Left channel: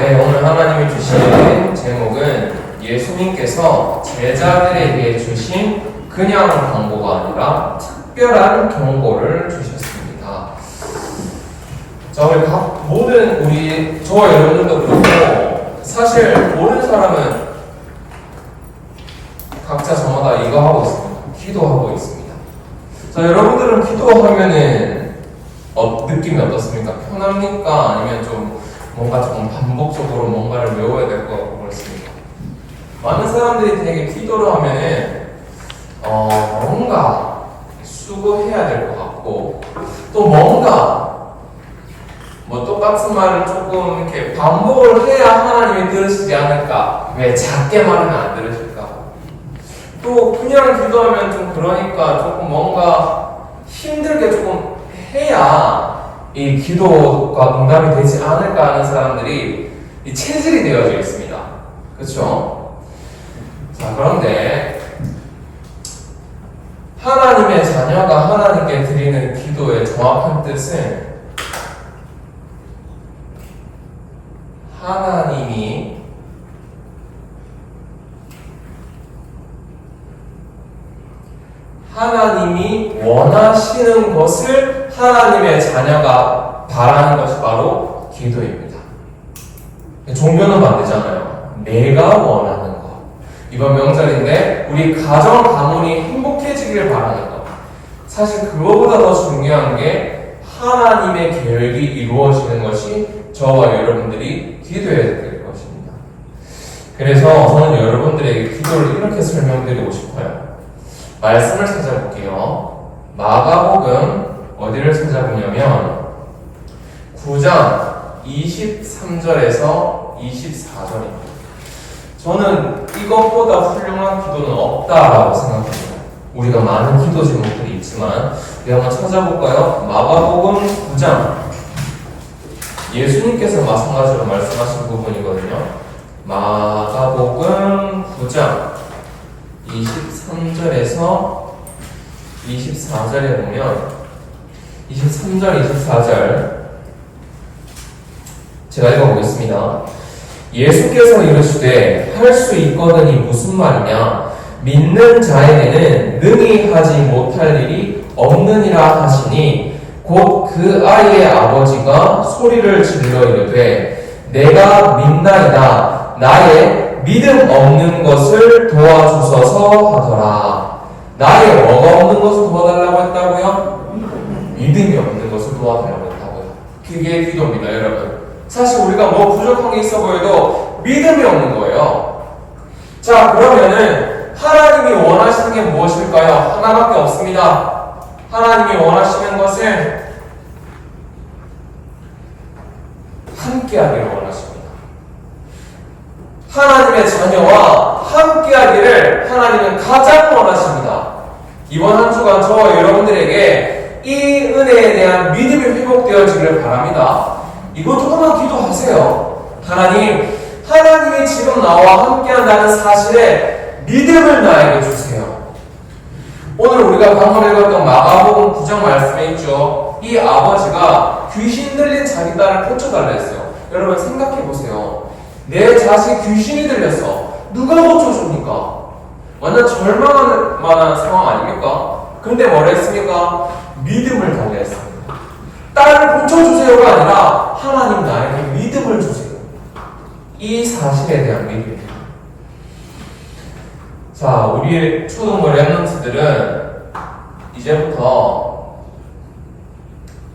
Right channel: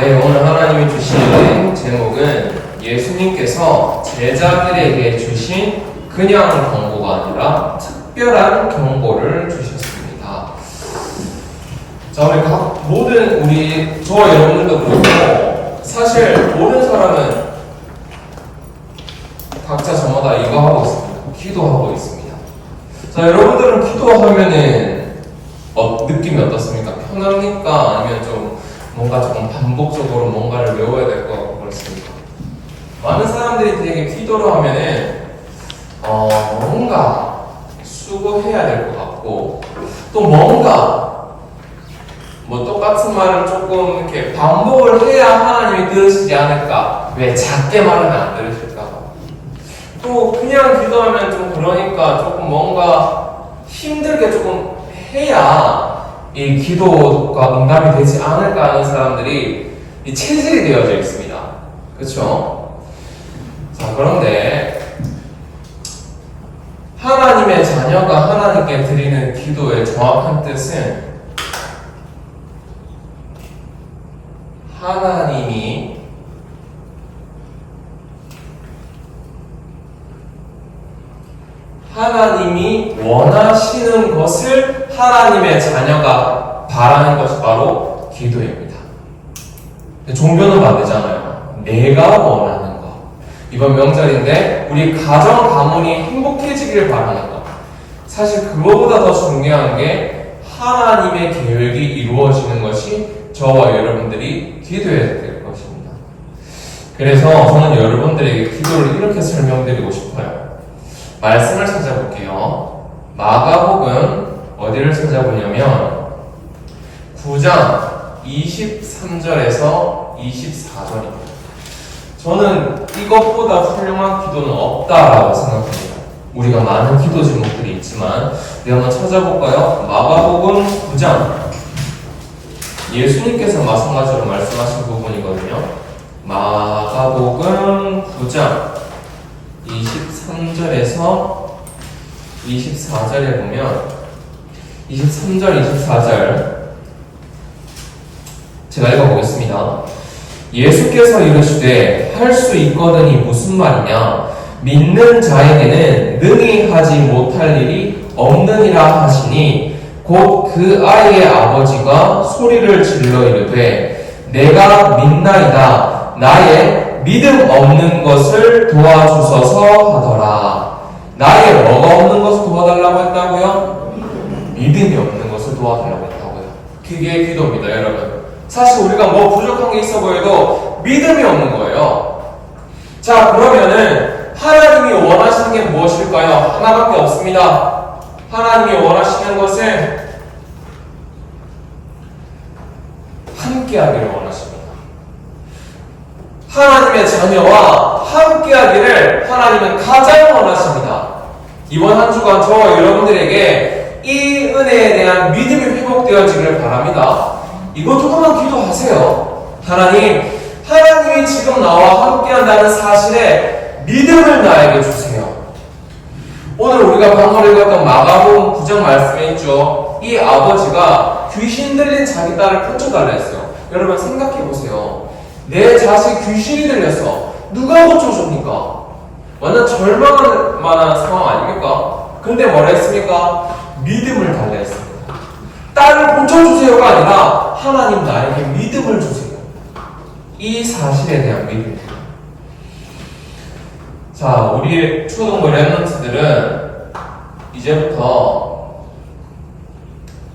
네, 오늘 하나님이 주시는 제목은 예수님께서 제자들에게 주신 그냥 경고가 아니라 특별한 경고를 주셨습니다. 자, 저와 여러분도 그렇고 사실 모든 사람은 각자 저마다 이거 하고 있습니다. 기도하고 있습니다. 자, 여러분들은 기도하면은 느낌이 어떻습니까? 편합니까? 아니면 좀 뭔가 조금 반복적으로 뭔가를 외워야 될 것 같고 그렇습니까? 많은 사람들이 되게 기도를 하면은 뭔가 수고해야 될 것 같고 또 뭔가 똑같은 말을 조금 이렇게 반복을 해야 하나님이 들으시지 않을까? 왜 작게 말하면 안 들으실까? 또 그냥 기도하면 좀 그러니까 조금 뭔가 힘들게 조금 해야 이 기도가 응답이 되지 않을까 하는 사람들이 이 체질이 되어져 있습니다. 그렇죠? 자, 그런데 하나님의 자녀가 하나님께 드리는 기도의 정확한 뜻은 하나님이 원하시는 것을 하나님의 자녀가 바라는 것이 바로 기도입니다. 종교는 반대잖아요. 내가 원하는 것. 이번 명절인데 우리 가정 가문이 행복해지기를 바라는 것. 사실 그거보다 더 중요한 게 하나님의 계획이 이루어지는 것이 저와 여러분들이 기도해야 될 것입니다. 그래서 저는 여러분들에게 기도를 이렇게 설명드리고 싶어요. 말씀을 찾아볼게요. 마가복음 어디를 찾아보냐면 9장 23절에서 24절입니다. 저는 이것보다 훌륭한 기도는 없다라고 생각합니다. 우리가 많은 기도 제목들이 있지만 우리 한번 찾아볼까요? 마가복음 9장 예수님께서 마찬가지로 말씀하신 부분이거든요. 마가복음 9장 23절에서 24절에 보면 23절, 24절 제가 읽어보겠습니다. 예수께서 이르시되 할 수 있거든이 무슨 말이냐? 믿는 자에게는 능히 하지 못할 일이 없느니라 하시니 곧 그 아이의 아버지가 소리를 질러 이르되 내가 믿나이다. 나의 믿음 없는 것을 도와주소서 하더라. 나의 뭐가 없는 것을 도와달라고 했다고요? 믿음이 없는 것을 도와달라고 했다고요. 그게 기도입니다, 여러분. 사실 우리가 부족한 게 있어 보여도 믿음이 없는 거예요. 자, 그러면은 하나님이 원하시는 게 무엇일까요? 하나밖에 없습니다. 하나님이 원하시는 것은 함께하기를 원하십니다. 하나님의 자녀와 함께하기를 하나님은 가장 원하십니다. 이번 한 주간 저와 여러분들에게 이 은혜에 대한 믿음이 회복되어지기를 바랍니다. 이거 조금만 기도하세요. 하나님이 지금 나와 함께한다는 사실에 믿음을 나에게 주세요. 오늘 우리가 방금 읽었던 마가복음 9장 말씀에 있죠. 이 아버지가 귀신 들린 자기 딸을 고쳐달라 했어요. 여러분 생각해보세요. 내 자식 귀신이 들렸어. 누가 고쳐줍니까? 완전 절망할 만한 상황 아닙니까? 근데 뭐라 했습니까? 믿음을 달라 했습니다. 딸을 고쳐주세요가 아니라 하나님 나에게 믿음을 주세요. 이 사실에 대한 믿음이에요. 자, 우리 초등부 랩런트들은 이제부터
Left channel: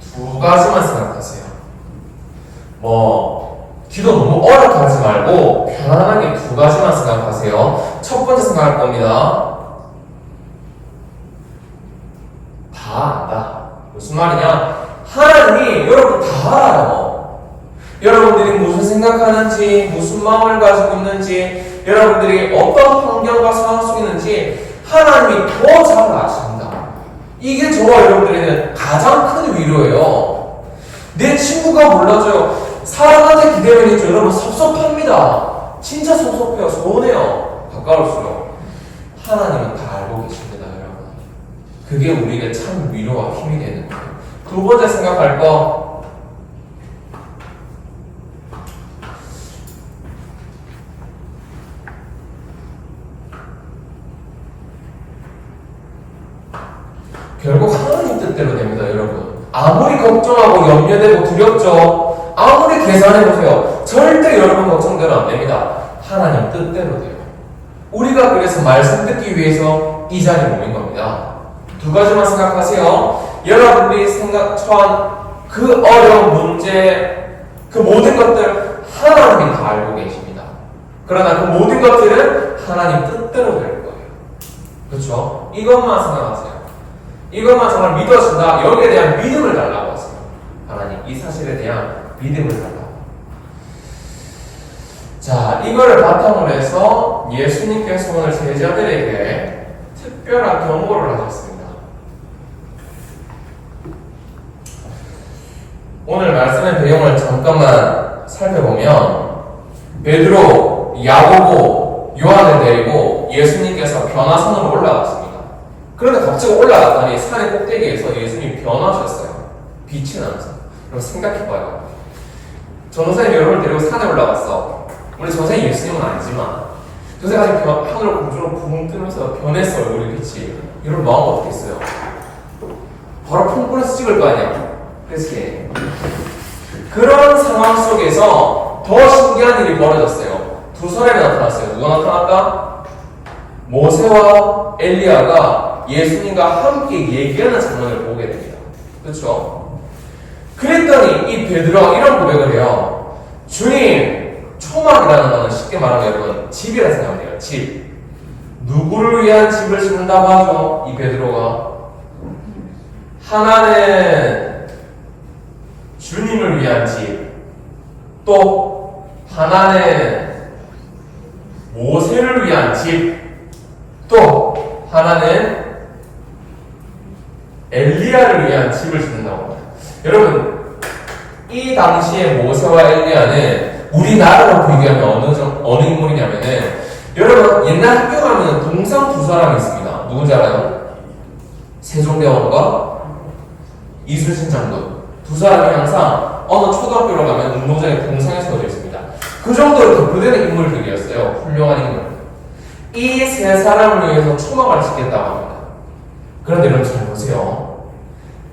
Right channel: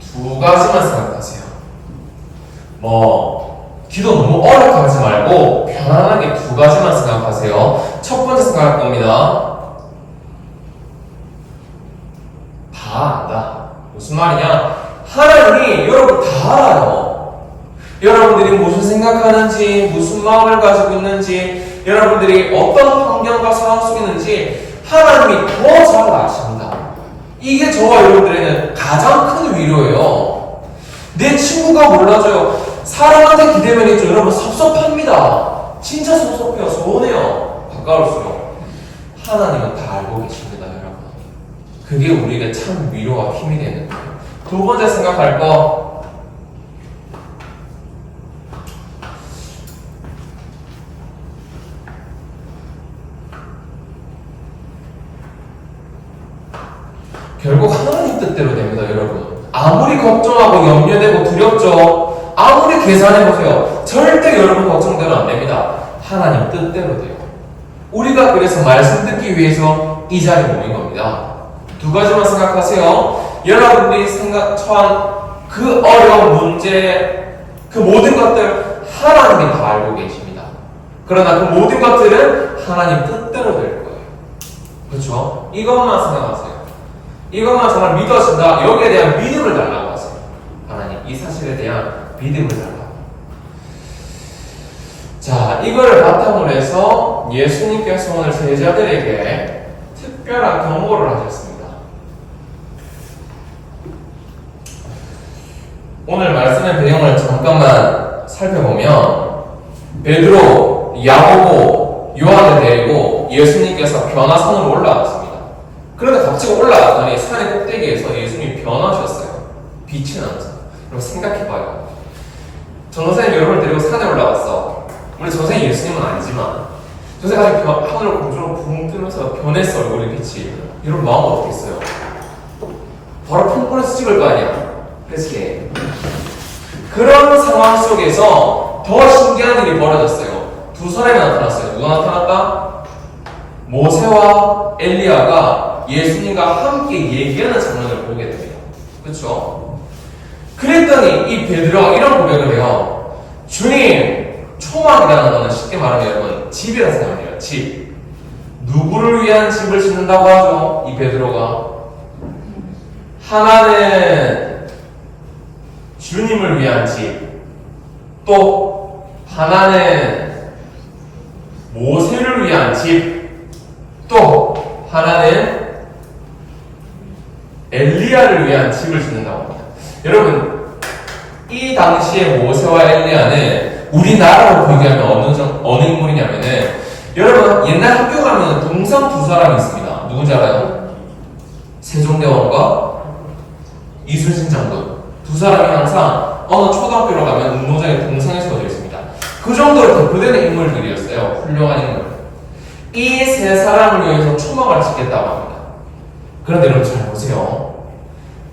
두 가지만 생각하세요. 기도 너무 어렵게 하지 말고 편안하게 두 가지만 생각하세요. 첫 번째 생각할 겁니다. 다 안다. 무슨 말이냐? 하나님이 여러분 다 알아요. 여러분들이 무슨 생각하는지, 무슨 마음을 가지고 있는지, 여러분들이 어떤 환경과 상황 속에 있는지 하나님이 더 잘 아십니다. 이게 저와 여러분들에게는 가장 큰 위로예요. 내 친구가 몰라줘요. 사람한테 기대면 있죠. 여러분 섭섭합니다. 진짜 섭섭해요. 서운해요. 가까울수록. 하나님은 다 알고 계십니다, 여러분. 그게 우리에게 참 위로와 힘이 되는 거예요. 두 번째 생각할 거, 걱정하고 염려되고 두렵죠. 아무리 계산해보세요. 절대 여러분 걱정대로 안 됩니다. 하나님 뜻대로 돼요. 우리가 그래서 말씀 듣기 위해서 이 자리에 모인 겁니다. 두 가지만 생각하세요. 여러분들이 처한 그 어려운 문제, 그 모든 것들 하나님이 다 알고 계십니다. 그러나 그 모든 것들은 하나님 뜻대로 될 거예요. 그렇죠? 이것만 생각하세요. 이것만 정말 믿어준다. 여기에 대한 믿음을 달라고 하세요. 하나님, 이 사실에 대한 믿음을 달라고. 자, 이거를 바탕으로 해서 예수님께서 오늘 제자들에게 특별한 경고를 하셨습니다. 오늘 말씀의 배경을 잠깐만 살펴보면 베드로, 야고보, 요한을 데리고 예수님께서 변화산으로 올라갔습니다. 그런데 갑자기 올라갔더니 산의 꼭대기에서 예수님이 변화하셨어요. 빛이 나면서. 여러분 생각해봐요. 전도사님 여러분을 데리고 산에 올라갔어. 우리 전생이 예수님은 아니지만 전생가 하늘을 공중으로 붕 뜨면서 변했어. 얼굴이 빛이. 이런 마음 어떻겠어요? 바로 폰폰에서 찍을 거 아니야. 그치? 그런 상황 속에서 더 신기한 일이 벌어졌어요. 두 사람이 나타났어요. 누가 나타났다? 모세와 엘리야가 예수님과 함께 얘기하는 장면을 보게 됩니다. 그렇죠? 그랬더니 이 베드로가 이런 고백을 해요. 주님, 초막이라는 거는 쉽게 말하면 여러분 집이라 생각해요. 집. 누구를 위한 집을 짓는다고 하죠? 이 베드로가. 하나는 주님을 위한 집, 또 하나는 모세를 위한 집, 또 하나는 엘리야를 위한 집을 짓는다고 합니다. 여러분, 이 당시에 모세와 엘리야는 우리나라로 비교하면 어느 인물이냐면은, 여러분 옛날 학교 가면 동상 두 사람이 있습니다. 누군지 알아요? 세종대왕과 이순신 장군. 두 사람이 항상 어느 초등학교로 가면 운동장에 동상에 서져 있습니다. 그 정도로 대표되는 인물들이었어요. 훌륭한 인물. 이 세 사람을 위해서 초막을 짓겠다고 합니다. 그런데 여러분 잘 보세요.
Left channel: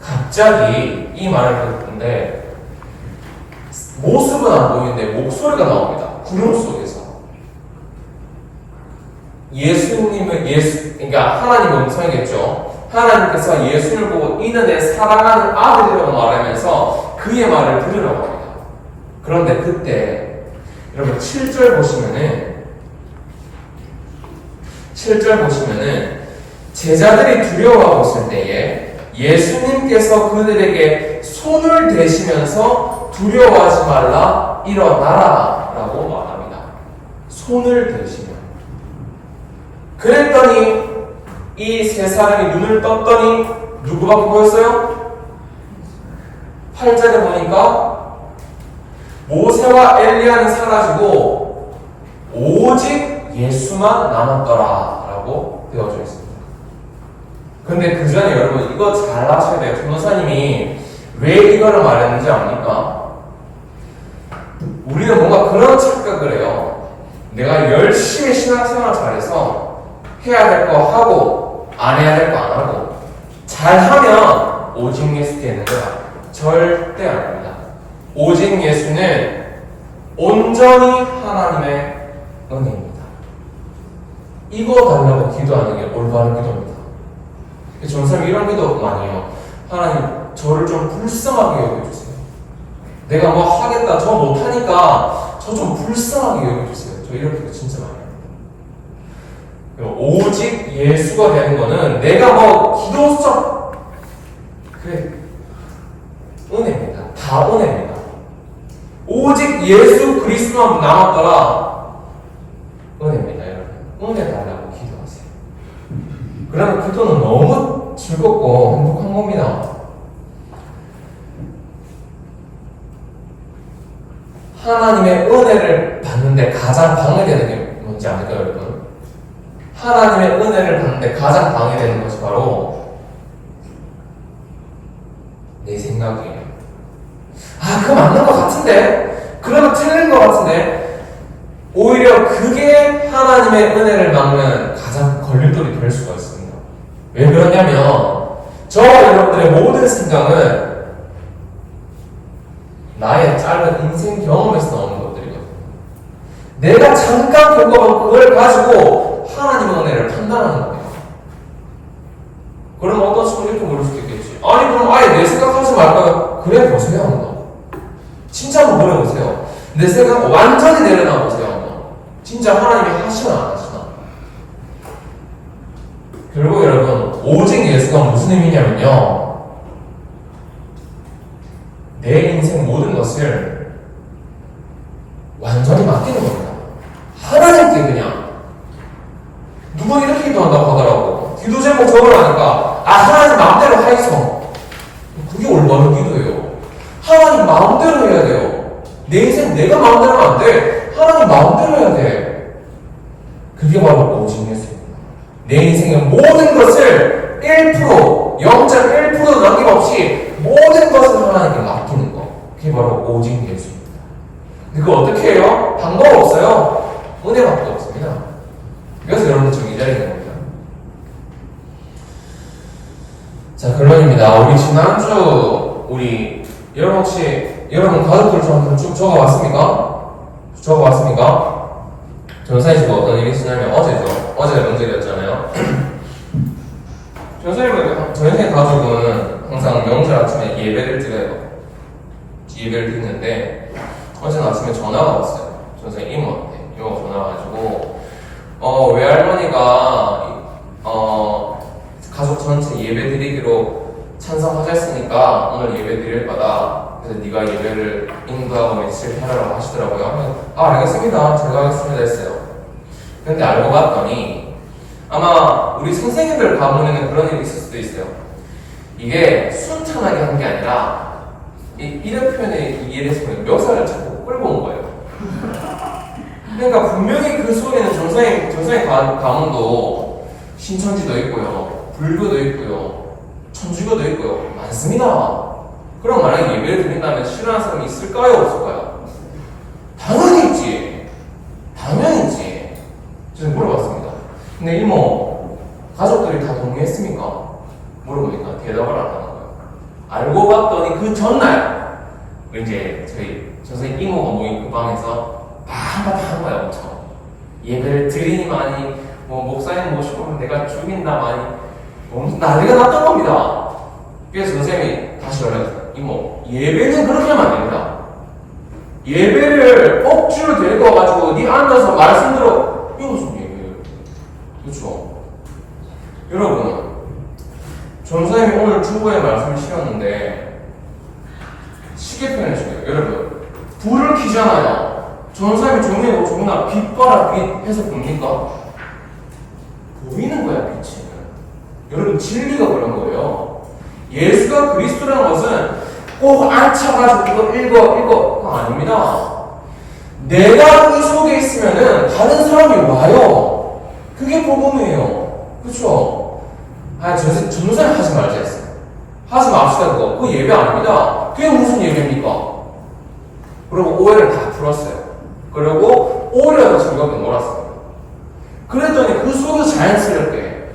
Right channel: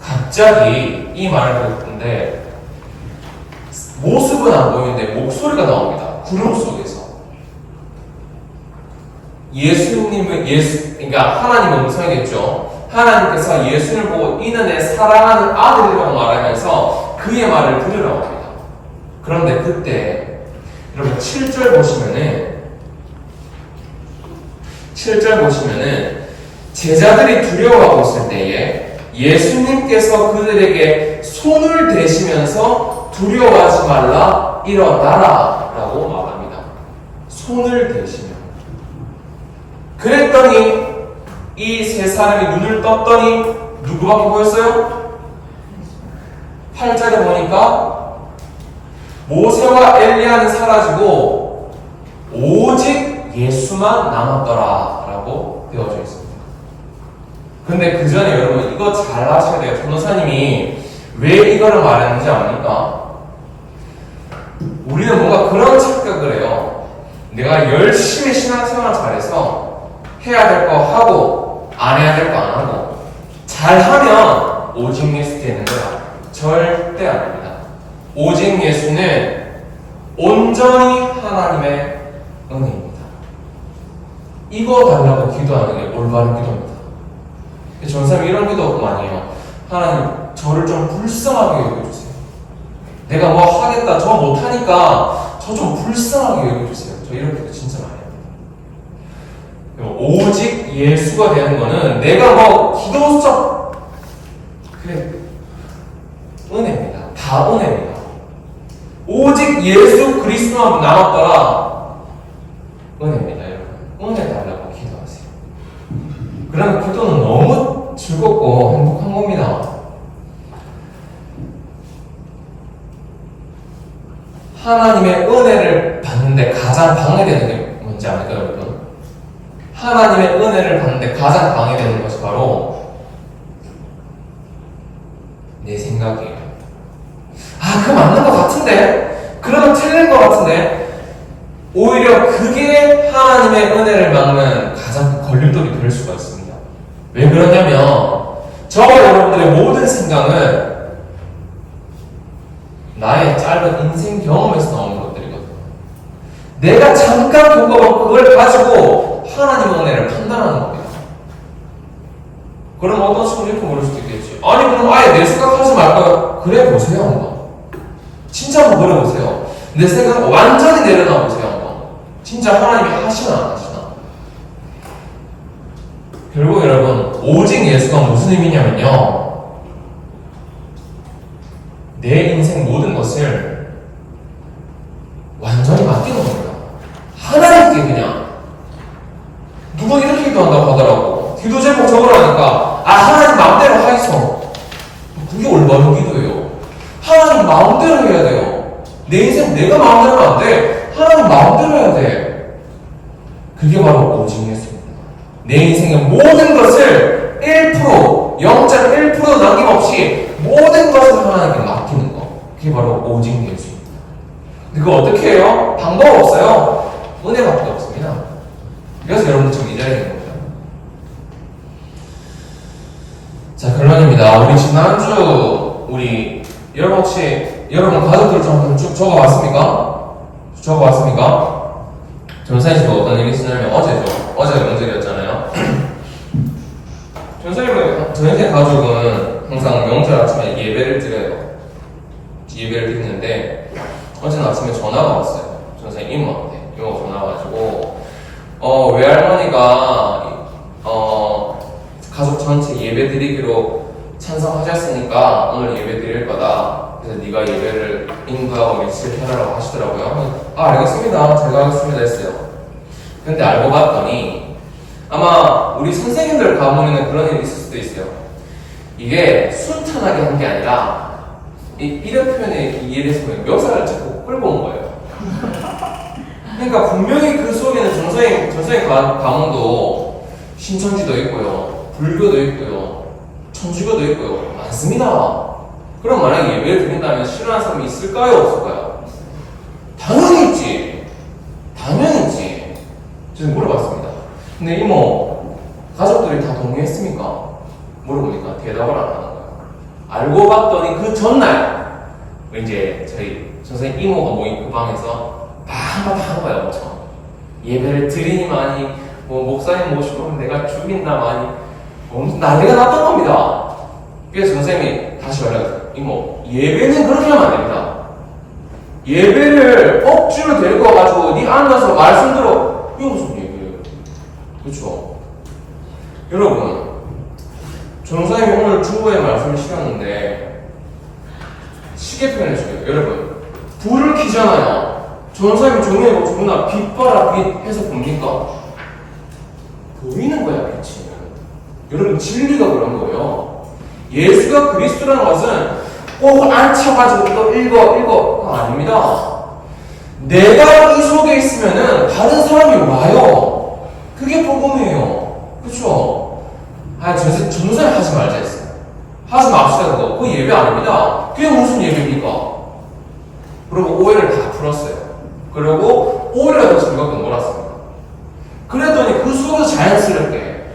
갑자기 이 말을 듣는데 모습은 안 보이는데 목소리가 나옵니다. 구름 속에서. 그러니까 하나님의 음성이겠죠. 하나님께서 예수를 보고 이는 내 사랑하는 아들이라고 말하면서 그의 말을 들으라고 합니다. 그런데 그때 여러분 7절 보시면은 제자들이 두려워하고 있을 때에 예수님께서 그들에게 손을 대시면서 두려워하지 말라, 일어나라 라고 말합니다. 손을 대시면. 그랬더니 이 세 사람이 눈을 떴더니 누구밖에 보였어요? 8절에 보니까 모세와 엘리야는 사라지고 오직 예수만 남았더라 라고 되어져 있습니다. 근데 그 전에 여러분 이거 잘 아셔야 돼요. 변호사님이 왜 이거를 말했는지 압니까? 우리는 뭔가 그런 착각을 해요. 내가 열심히 신앙생활을 잘해서 해야 될 거 하고 안 해야 될 거 안 하고 잘하면 오직 예수 되는 거야. 절대 아닙니다. 오직 예수는 온전히 하나님의 은혜입니다. 이거 달라고 기도하는 게 올바른 기도입니다. 전사님이 이런 기도 많이 해요. 하나님 저를 좀 불쌍하게 여겨주세요. 내가 뭐 하겠다 저 못하니까 저 좀 불쌍하게 여겨주세요. 저 이런 기도 진짜 많이 합니다. 오직 예수가 되는 거는 내가 뭐 기도적 그래 은혜입니다. 다 은혜입니다. 오직 예수 그리스도만 남았더라 은혜입니다. 여러분 은혜 달라고 기도하세요. 그러면 기도는 너무 즐겁고 행복한 겁니다. 하나님의 은혜를 받는데 가장 방해되는 게 뭔지 아닐까요, 여러분? 하나님의 은혜를 받는데 가장 방해되는 것이 바로 내 생각이에요. 아, 그거 맞는 것 같은데? 그러면 틀린 것 같은데? 오히려 그게 하나님의 은혜를 막는 가장 걸림돌이 될 수가 있습니다. 왜 그러냐면 저와 여러분들의 모든 생각은 나의 짧은 인생 경험에서 나오는 것들이거든. 내가 잠깐 겪어본 그걸 가지고 하나님의 은혜를 판단하는 겁니다. 그럼 어떤 친구는 이렇게 물을 수도 있겠지. 아니 그럼 아예 내 생각하지 말까요? 그래 보세요 한번. 진짜 한번 물어보세요. 내 생각 완전히 내려놔 보세요 한번. 진짜 하나님이 하시나 안 하시나. 결국 여러분 오직 예수가 무슨 의미냐면요, 내 인생 모든 것을 완전히 맡기는 겁니다. 하나님께 그냥. 누가 이렇게 기도한다고 하더라고. 기도 제목 적으라니까 하나님 마음대로 하이소. 그게 올바른 기도예요. 하나님 마음대로 해야 돼요. 내 인생 내가 마음대로 안 돼. 하나님 마음대로 해야 돼. 그게 바로 오직 예수입니다. 내 인생의 모든 것을 1%, 0.1% 남김없이 모든 것을 하나님께 맡기는 거. 그게 바로 오직 예수입니다. 근데 그거 어떻게 해요? 방법 없어요. 은혜밖에 없습니다. 그래서 여러분 지금 이 자리에 있는 겁니다. 자, 결론입니다. 우리 지난주 여러분 혹시 여러분 가족들 좀 쭉 적어봤습니까? 적어봤습니까? 전사님 지금 어떤 얘기 했냐면 어제 명절이었잖아요. 전사님 가족은 항상 명절 아침에 예배를 드려요. 예배를 드리는데 어제 아침에 전화가 왔어요. 전사님 이모한테. 이모가 전화가 와가지고 외할머니가 가족 전체 예배 드리기로 찬성하셨으니까 오늘 예배 드릴 거다. 그래서 네가 예배를 인도하고 며칠 해라라고 하시더라고요. 알겠습니다. 제가 하겠습니다 했어요. 근데 알고 봤더니 아마 우리 선생님들 가문에는 그런 일이 있을 수도 있어요. 이게 순탄하게 한 게 아니라 이런 표현에 이해를 해서 멱살을 잡고 끌고 온 거예요. 그러니까 분명히 그 속에는 전생의 가문도 신천지도 있고요, 불교도 있고요, 천주교도 있고요, 많습니다. 그럼 만약에 예배를 드린다면 싫어하는 사람이 있을까요? 없을까요? 당연히 있지. 당연히 있지. 제가 물어봤습니다. 근데 이모, 가족들이 다 동의했습니까? 물어보니까 대답을 안 하는 거예요. 알고 봤더니 그 전날 이제 저희 선생님 이모가 모인 그 방에서 한바탕 하는 거예요. 엄청 예배를 드리니만이 목사님 모시고 내가 죽인다마니 난리가 났던 겁니다. 그래서 선생님이 다시 이모, 예배는 그렇게 하면 안 됩니다. 예배를 억지로 데리고 와가지고 네 앉아서 말씀 들어. 이거 무슨 예배예요? 그렇죠? 여러분, 전사님이 오늘 주보의 말씀을 실었는데 쉽게 표현해줄게요. 여러분, 불을 켜잖아요. 전사님이 정리하고 누구나 빛 봐라 빛 해서 봅니까? 보이는 거야, 빛이. 여러분, 진리가 그런 거예요. 예수가 그리스도라는 것은 꼭 앉혀가지고 이거 그거 아닙니다. 내가 이 속에 있으면은 다른 사람이 와요. 그게 복음이에요. 그쵸? 전사님 하지 말자 했어요. 하지 맙시다 그거. 그거 예배 아닙니다. 그게 무슨 예배입니까? 그리고 오해를 다 풀었어요. 그리고 오히려 더 즐겁게 놀았습니다. 그랬더니 그 속에서 자연스럽게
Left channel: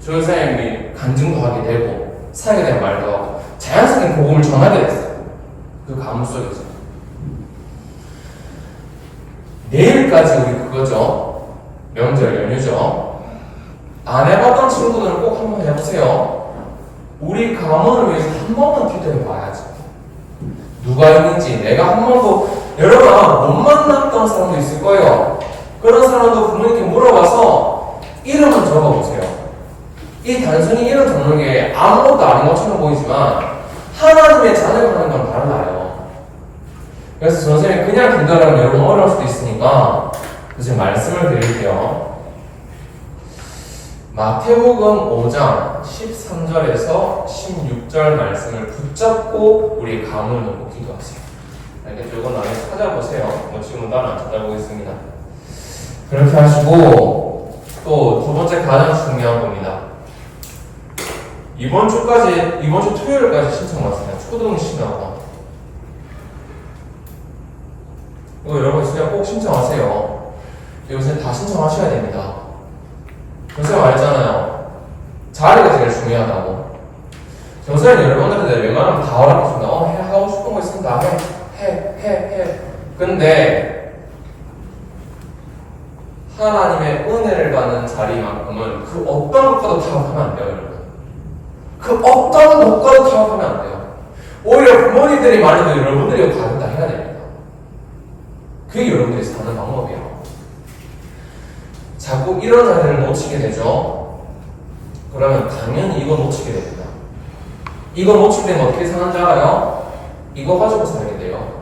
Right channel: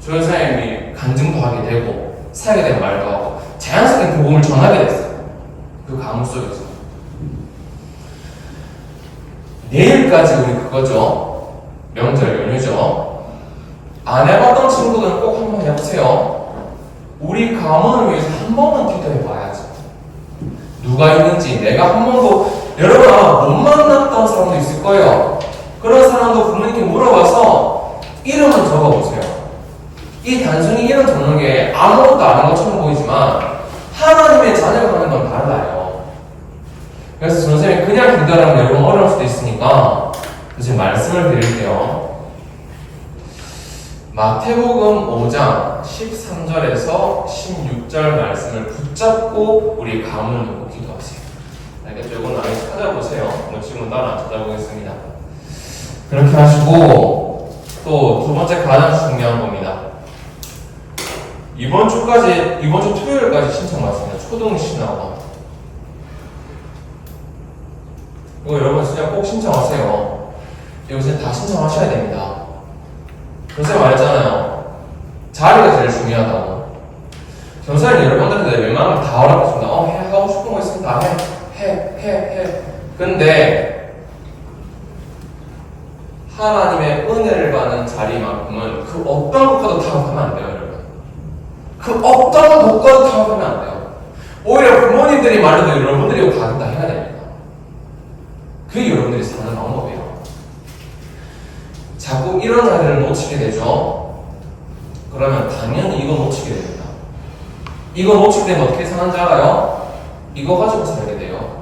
전사님이 간증도 하게 되고 사역에 대한 말도 하고 자연스럽게 복음을 전하게 됐어요. 그 가문 속에서. 내일까지 우리 그거죠. 명절 연휴죠. 안 해봤던 친구들은 꼭 한번 해보세요. 우리 가문을 위해서 한 번만 기도해봐야지. 누가 있는지 내가 한 번도 여러분 아마 못 만났던 사람도 있을 거예요. 그런 사람도 부모님께 물어봐서 이름은 적어보세요. 이 단순히 이름 적는 게 아무것도 아닌 것처럼 보이지만 하나님의 자녀가 하는 건 달라요. 그래서 선생님이 그냥 기도하면 여러분 어려울 수도 있으니까 이제 말씀을 드릴게요. 마태복음 5장 13절에서 16절 말씀을 붙잡고 우리 가문을 놓고 기도하세요. 알겠죠? 이건 나중에 찾아보세요. 지금은 따로 안 찾아보겠습니다. 그렇게 하시고 또 두 번째 가장 중요한 겁니다. 이번 주 토요일까지 신청 왔습니다. 초등 신학원. 이거 여러분 진짜 꼭 신청하세요. 요새 다 신청하셔야 됩니다. 요새 말했잖아요. 자리가 제일 중요하다고. 경사는 여러분들한테 웬만하면 다 허락해준다. 하고 싶은 거 있으면 다 해. 해. 근데 하나님의 은혜를 받는 자리만큼은 그 어떤 것과도 타협하면 안 돼요, 여러분. 그 어떤 것과도 타협하면 안 돼요. 오히려 부모님들이 말해도 여러분들이 받는다 해야 됩니다. 그게 여러분들이 사는 방법이에요. 자꾸 이런 자리를 놓치게 되죠. 그러면 당연히 이거 놓치게 됩니다. 이거 놓칠 때면 어떻게 사는 줄 알아요? 이거 가지고 살게 돼요.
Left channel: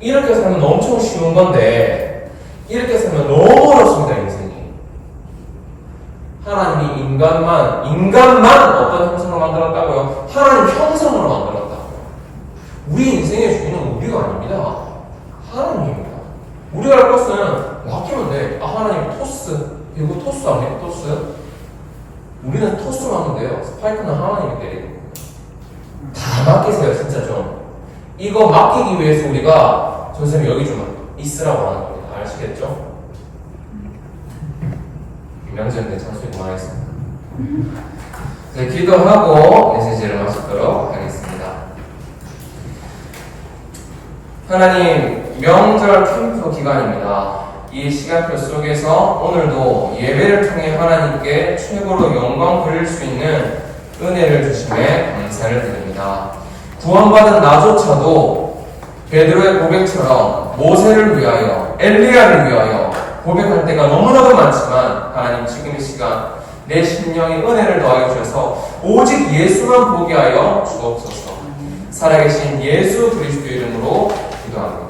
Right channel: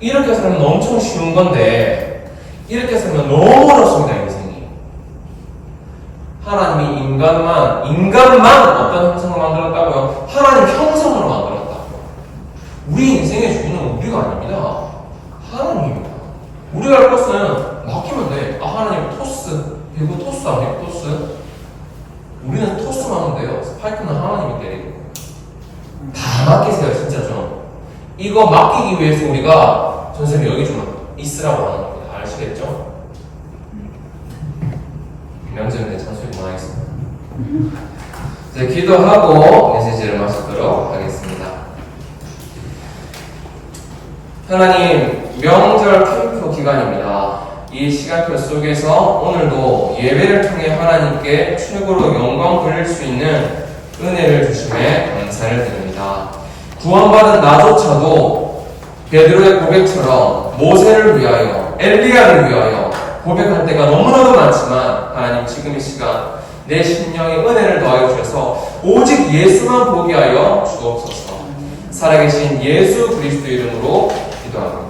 이렇게 살면 엄청 쉬운 건데 이렇게 살면 너무 어렵습니다, 인생이. 하나님이 인간만 어떤 형상으로 만들었다고요? 하나님 형상으로 만들었다고. 우리 인생의 주인은 우리가 아닙니다. 하나님입니다. 우리가 할 것은 맡기면 돼. 아, 하나님 토스. 이거 토스 아니에요? 토스? 우리는 토스만 하면 돼요. 스파이크는 하나님이 때리고. 다 맡기세요, 진짜 좀. 이거 맡기기 위해서 우리가 선생님 여기 좀 있으라고 하는 겁니다. 아시겠죠? 명절인데 잔소리 그만하겠습니다. 이제 기도하고 메시지를 마치도록 하겠습니다. 하나님, 명절 캠프 기간입니다. 이 시간표 속에서 오늘도 예배를 통해 하나님께 최고로 영광 돌릴 수 있는 은혜를 주심에 감사를 드립니다. 구원받은 나조차도 베드로의 고백처럼 모세를 위하여, 엘리야를 위하여 고백할 때가 너무나도 많지만 하나님 지금 이 시간 내 심령에 은혜를 더하여 주셔서 오직 예수만 보게 하여 주옵소서. 살아계신 예수 그리스도 이름으로 기도합니다.